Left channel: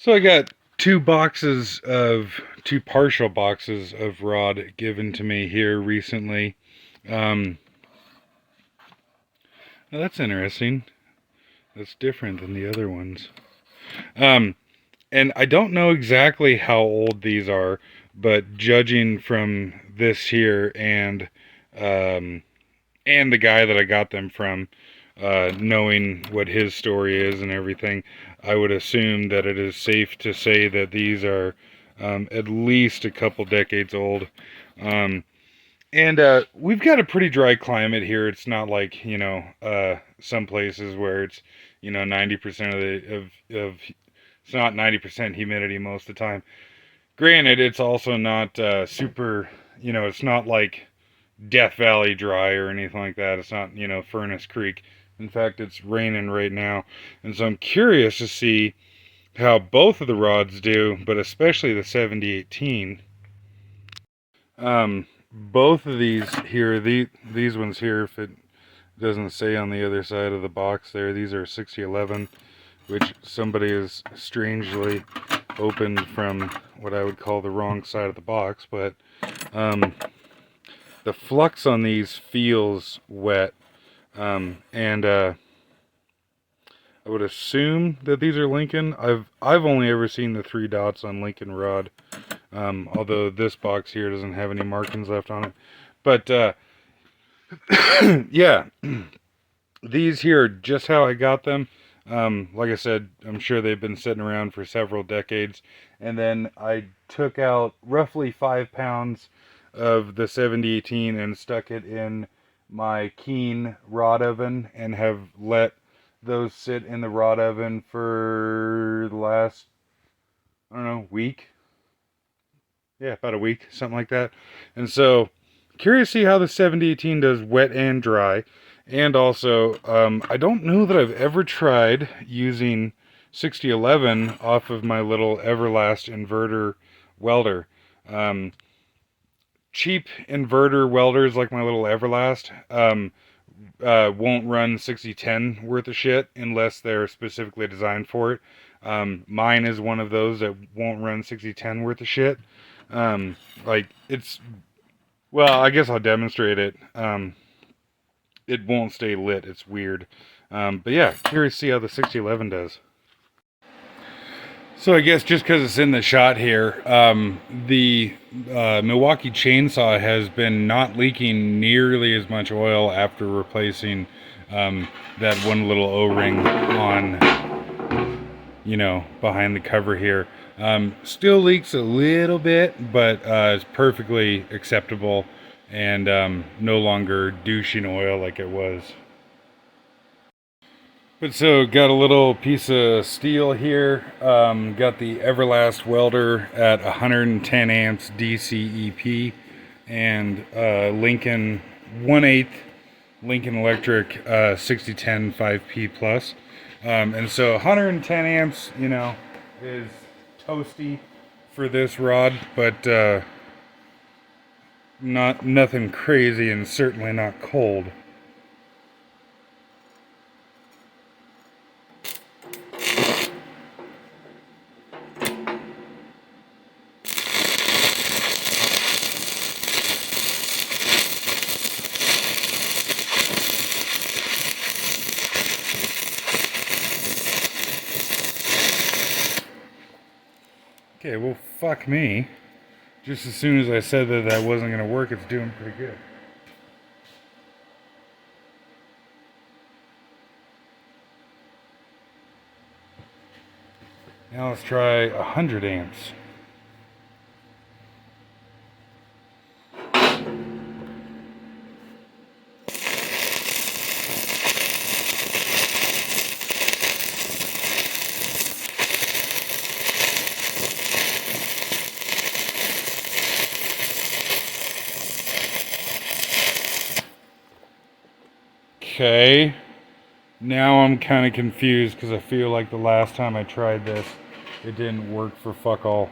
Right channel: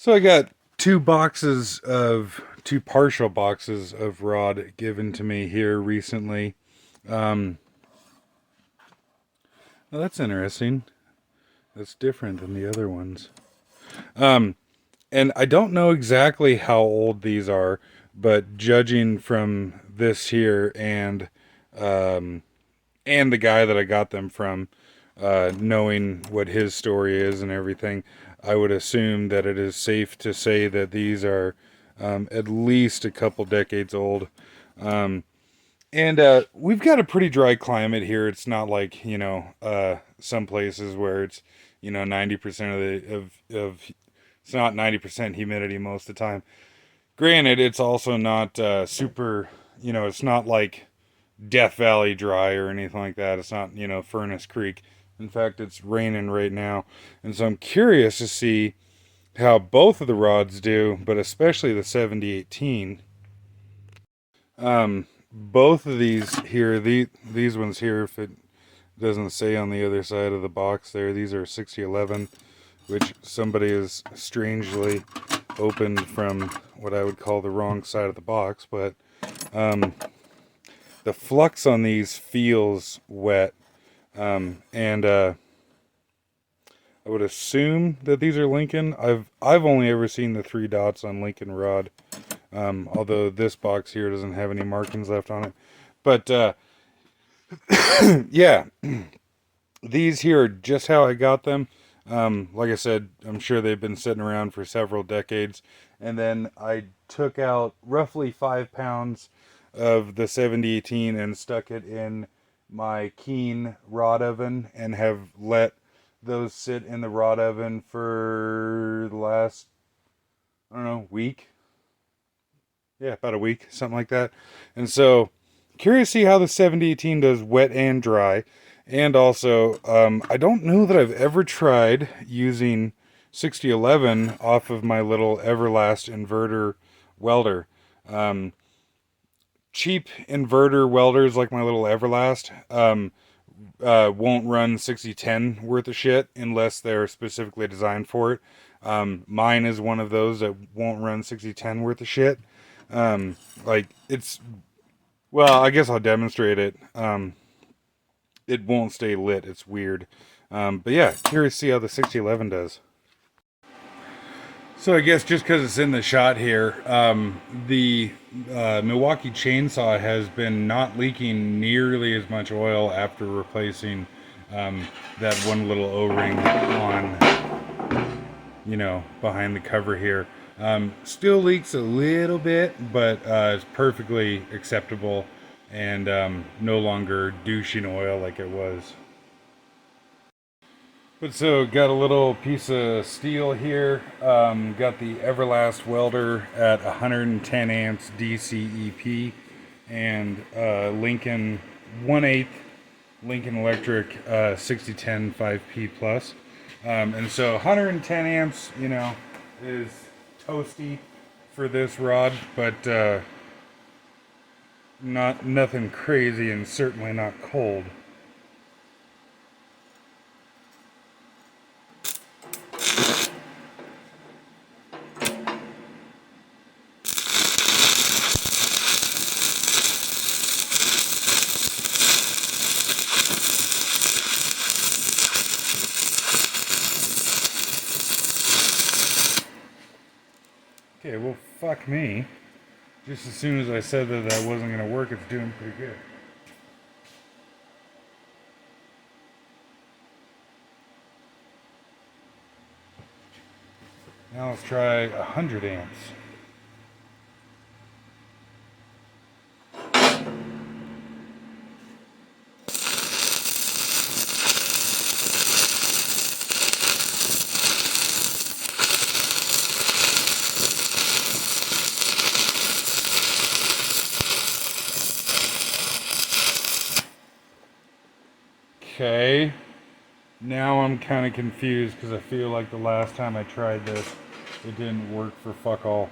So I got two partial boxes of rod given to me here recently. Um, well, that's interesting. That's different than the other ones. Um, and I don't know exactly how old these are, but judging from this here um, and the guy that I got them from, knowing what his story is and everything, I would assume that it is safe to say that these are at least a couple decades old. Um, and we've got a pretty dry climate here. It's not like, some places where it's, 90% of it's not 90% humidity most of the time. Granted, it's also not super, it's not like Death Valley dry or anything like that. It's not, Furnace Creek. In fact, it's raining right now. And so I'm curious to see how both of the rods do, but especially the 7018. Both of these here, these ones here, if it doesn't say on the other side of the box there, these are 6011, which somebody has strangely opened from what I would call the wrong side of the box, but the flux on these feels wet, and I would assume that these are Lincoln. I've only ever seen the 3 dots on Lincoln rod, although this box here doesn't have any markings left on it. But yeah, these here are just how I got them. Like I said, I'm sure they've been sitting around for several decades. And then I took out roughly 5 pounds of the 7018 and stuck it in my Keen rod oven and have let those sit in the rod oven for the last, I don't know, week. Yeah, about a week, something like that. And so, curious to see how the 7018 does wet and dry. And also, I don't know that I've ever tried using 6011 off of my little Everlast inverter welder. Um, Cheap inverter welders like my little Everlast won't run 6010 worth of shit unless they're specifically designed for it. Mine is one of those that won't run 6010 worth of shit. Like it's, well, I guess I'll demonstrate it. It won't stay lit. It's weird. But yeah, curious to see how the 6011 does. So I guess just because it's in the shot here, the Milwaukee chainsaw has been not leaking nearly as much oil after replacing that one little O-ring on, behind the cover here. Still leaks a little bit, but it's perfectly acceptable and no longer douching oil like it was. But so, got a little piece of steel here. Got the Everlast welder at 110 amps DCEP and Lincoln 1/8 Lincoln Electric 6010 5P plus. And so 110 amps, is toasty for this rod, but nothing crazy and certainly not cold. Okay, well, fuck me. Just as soon as I said that wasn't going to work, it's doing pretty good. Now let's try 100 amps. Okay, now I'm kind of confused because I feel like the last time I tried this, it didn't work for fuck all.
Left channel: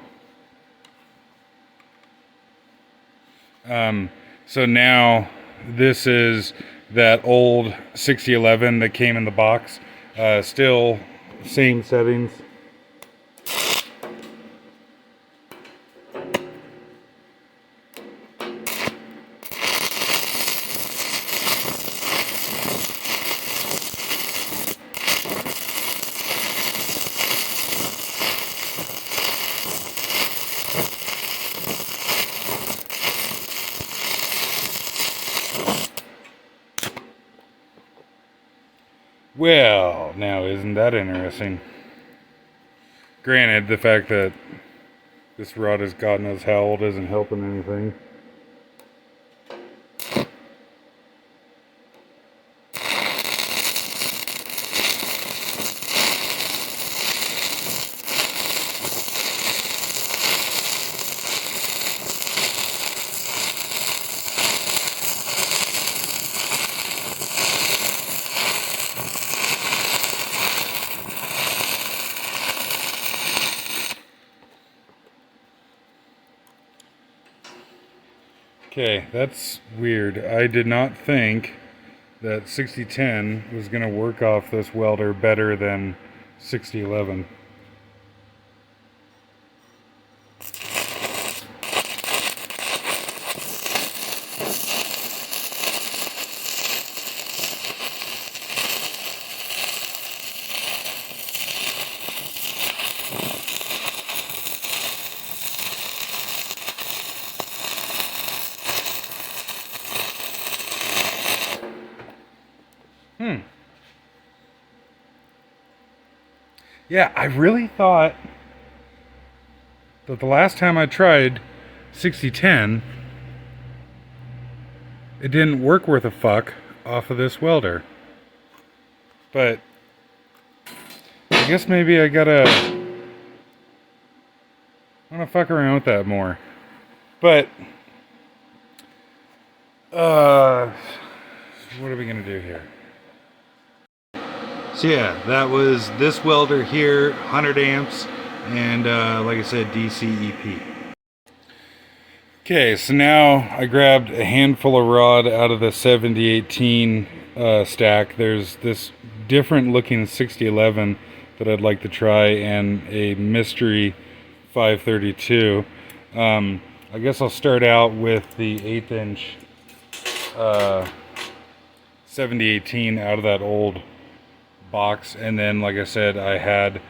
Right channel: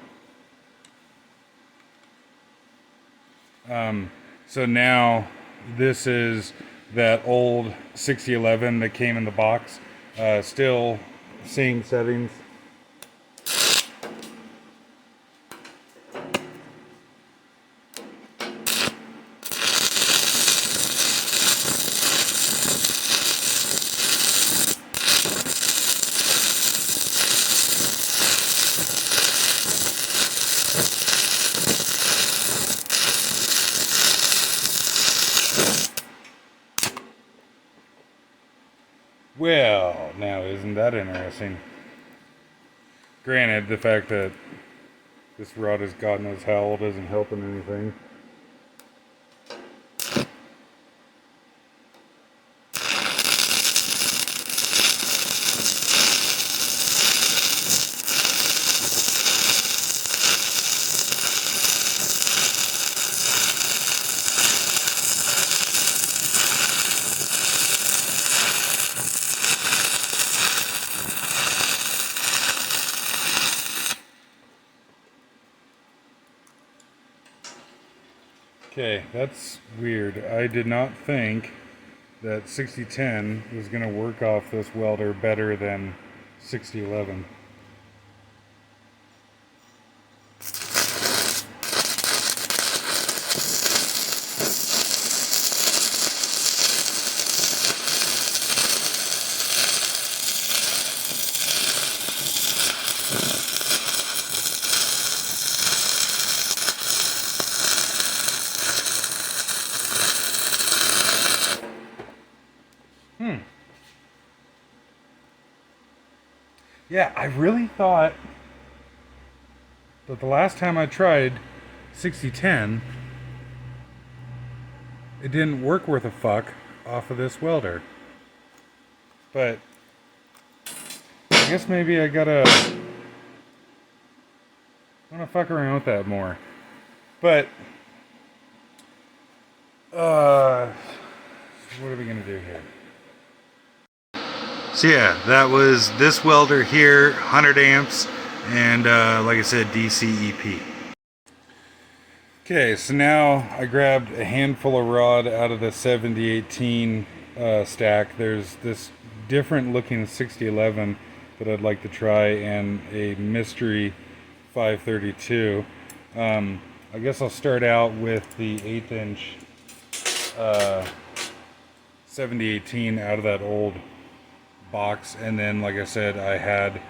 So now this is that old 6011 that came in the box. Still same settings. find that interesting. Granted, the fact that this rod is God knows how old isn't helping anything. Okay, that's weird. I did not think that 6010 was going to work off this welder better than 6011. Yeah, I really thought that the last time I tried 6010, it didn't work worth a fuck off of this welder. But I guess maybe I gotta fuck around with that more. But what are we gonna do here? So yeah, that was this welder here, 100 amps, and like I said, DC EP. Okay, so now I grabbed a handful of rod out of the 7018 stack. There's this different looking 6011 that I'd like to try, and a mystery 532. I guess I'll start out with the 1/8 inch 7018 out of that old box, and then like I said, I had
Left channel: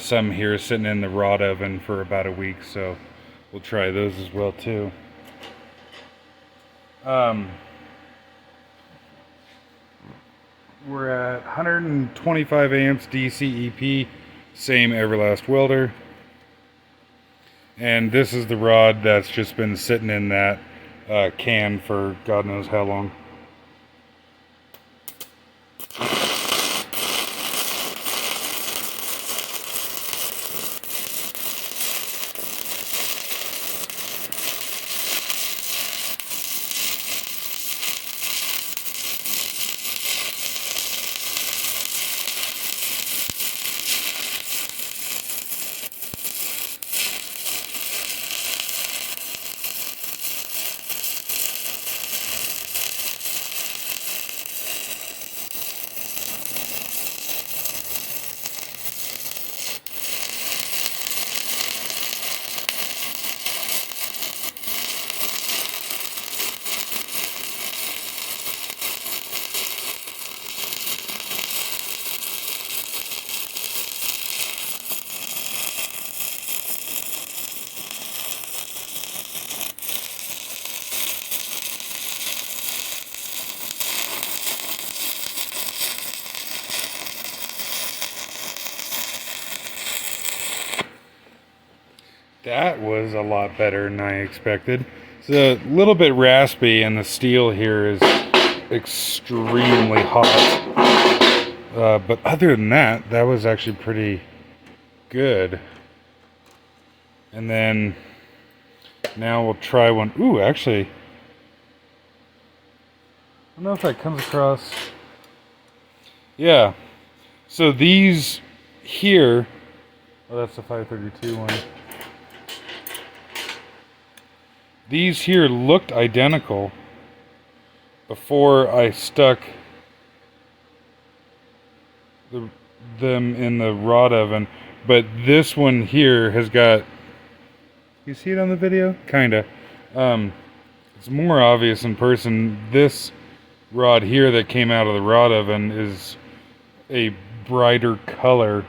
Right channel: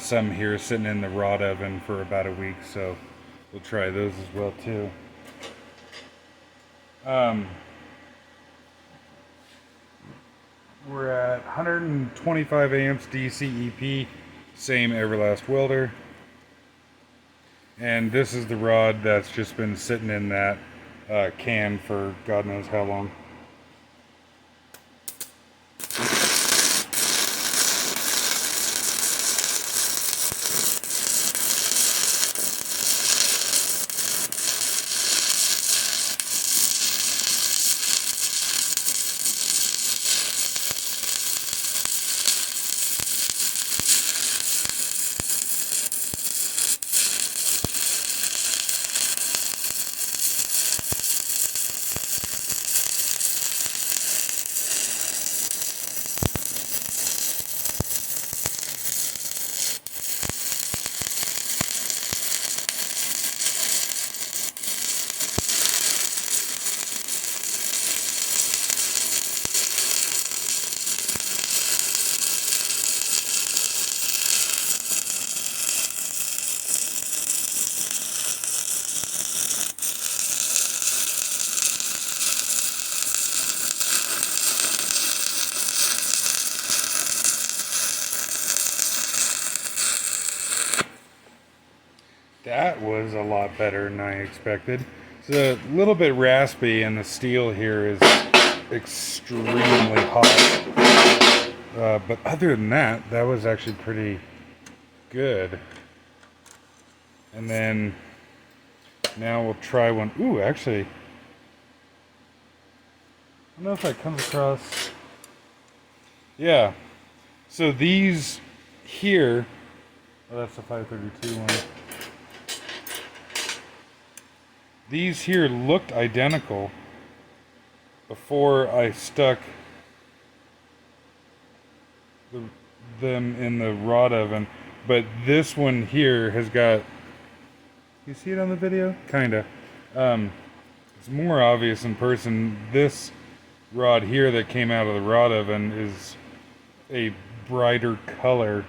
some here sitting in the rod oven for about a week, so we'll try those as well too. We're at 125 amps DC EP, same Everlast welder, and this is the rod that's just been sitting in that can for God knows how long. That was a lot better than I expected. It's a little bit raspy, and the steel here is extremely hot. But other than that, that was actually pretty good. And then now we'll try one. Ooh, actually, I don't know if that comes across. Yeah. So these here, oh, that's the 532 one. These here looked identical before I stuck them in the rod oven, but this one here has got, you see it on the video? Kinda. It's more obvious in person. This rod here that came out of the rod oven is a brighter color,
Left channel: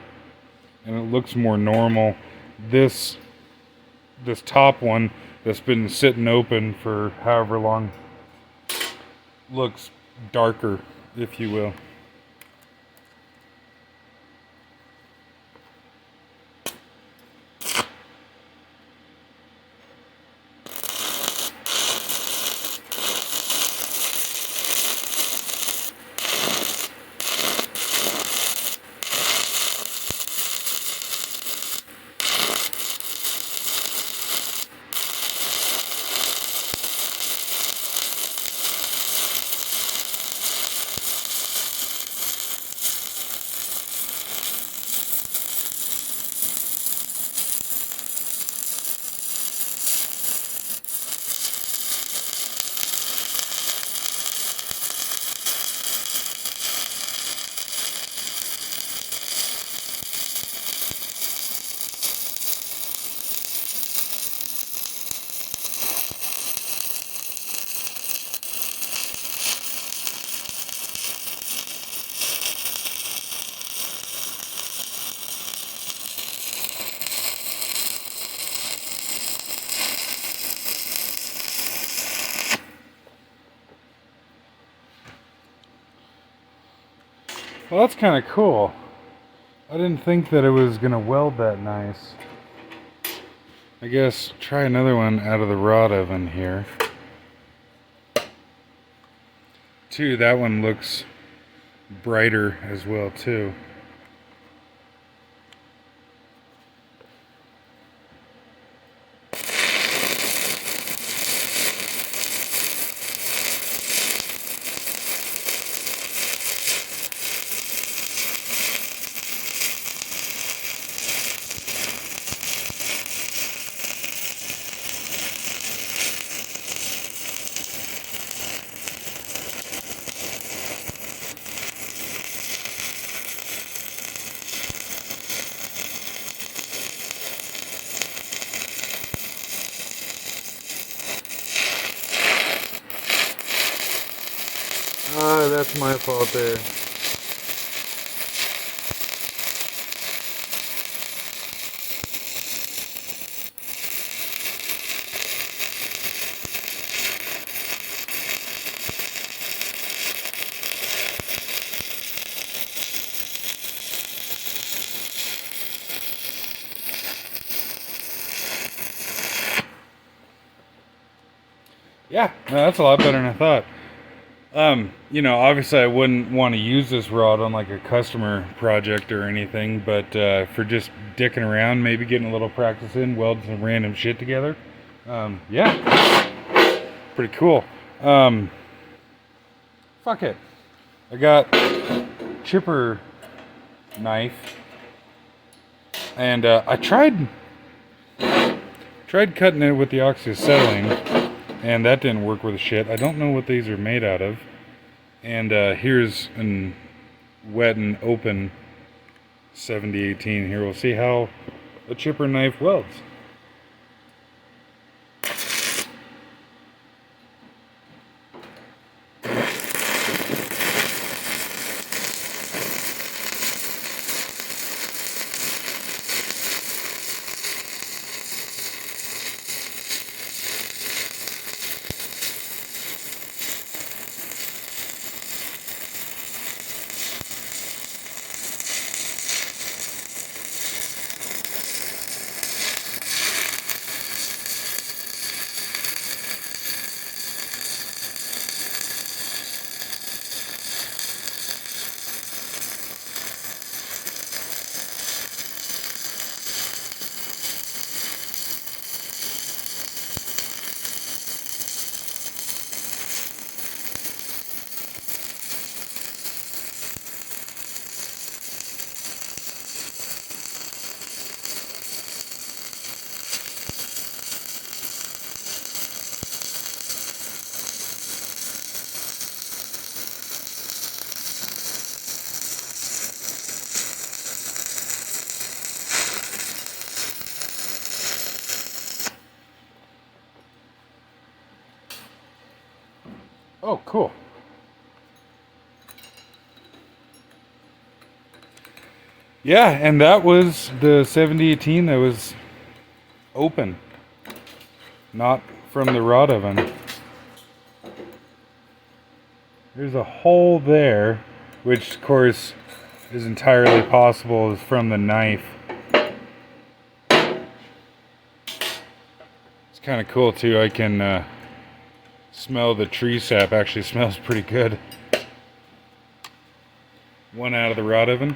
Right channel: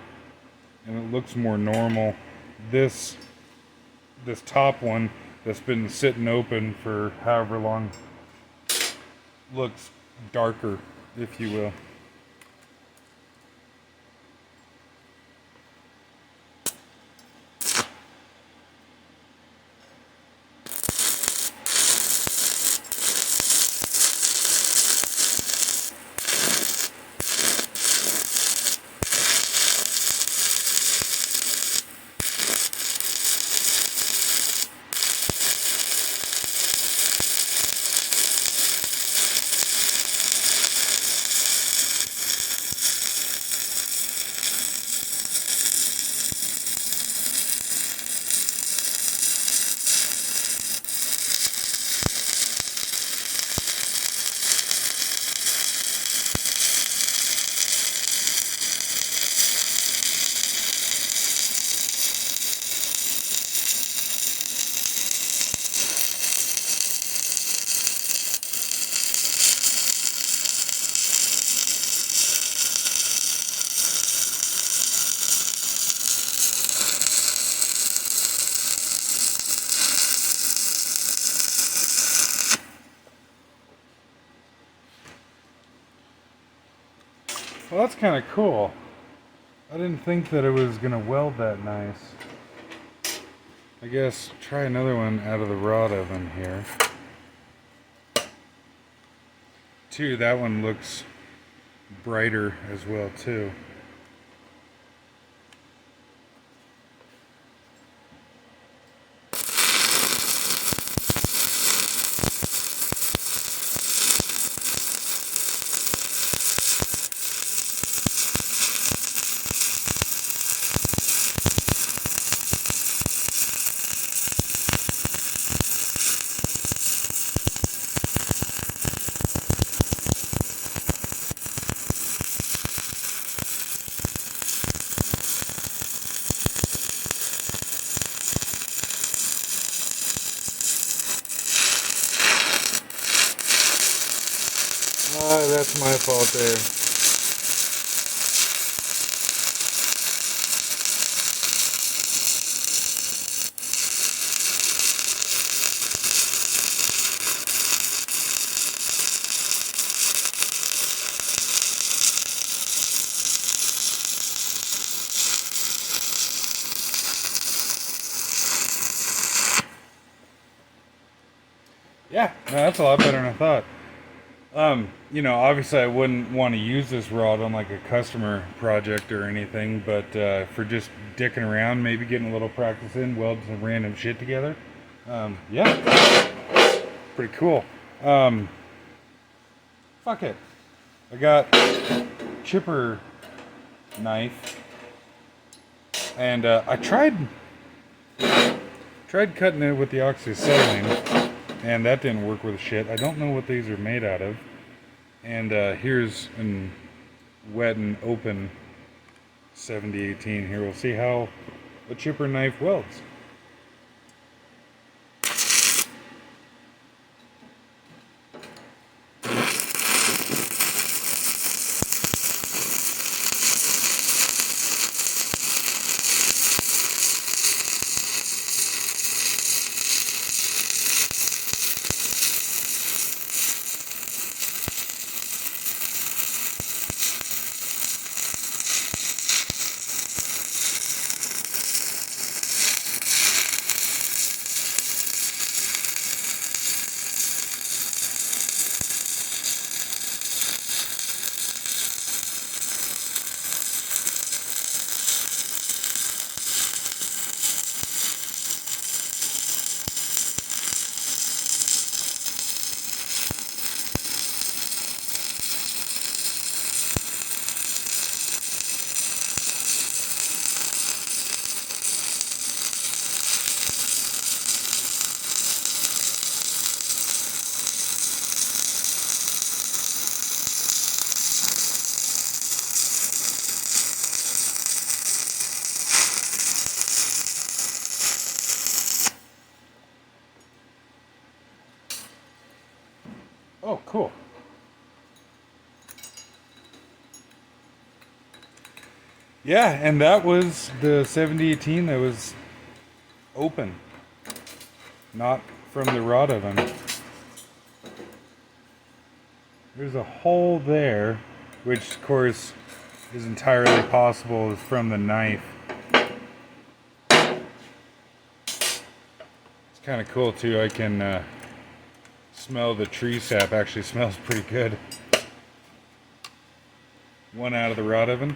and it looks more normal. This top one that's been sitting open for however long looks darker, if you will. Well, that's kind of cool. I didn't think that it was gonna weld that nice. I guess try another one out of the rod oven here. Too, that one looks brighter as well too. That's my fault there. Yeah, no, that's a lot better than I thought. Obviously I wouldn't want to use this rod on like a customer project or anything, but for just dicking around, maybe getting a little practice in, welding some random shit together. Yeah, pretty cool. Fuck it. I got chipper knife, and I tried cutting it with the oxyacetylene, and that didn't work with shit. I don't know what these are made out of. And here's an wet and open 7018 here. We'll see how a chipper knife welds. Oh, cool. Yeah, and that was the 7018 that was open, not from the rod oven. There's a hole there, which of course is entirely possible is from the knife. It's kind of cool too. I can smell the tree sap. Actually smells pretty good. One out of the rod oven.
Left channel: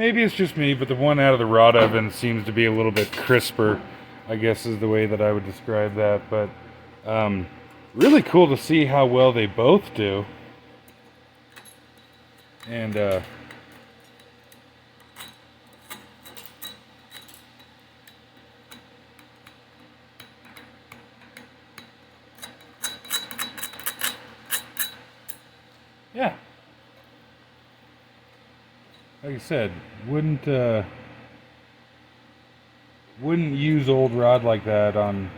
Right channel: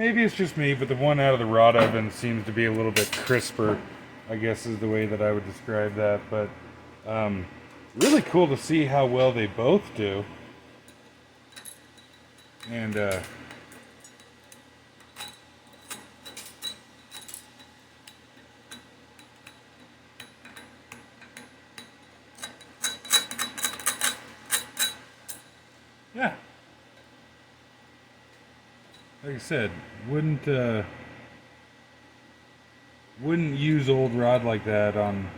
Maybe it's just me, but the one out of the rod oven seems to be a little bit crisper, I guess is the way that I would describe that. But really cool to see how well they both do. And yeah, like I said, wouldn't use old rod like that on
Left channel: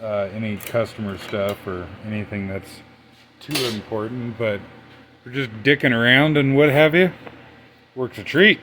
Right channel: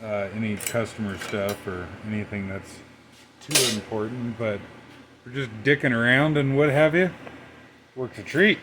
any customer stuff or anything that's too important, but we're just dicking around and what have you. Works a treat.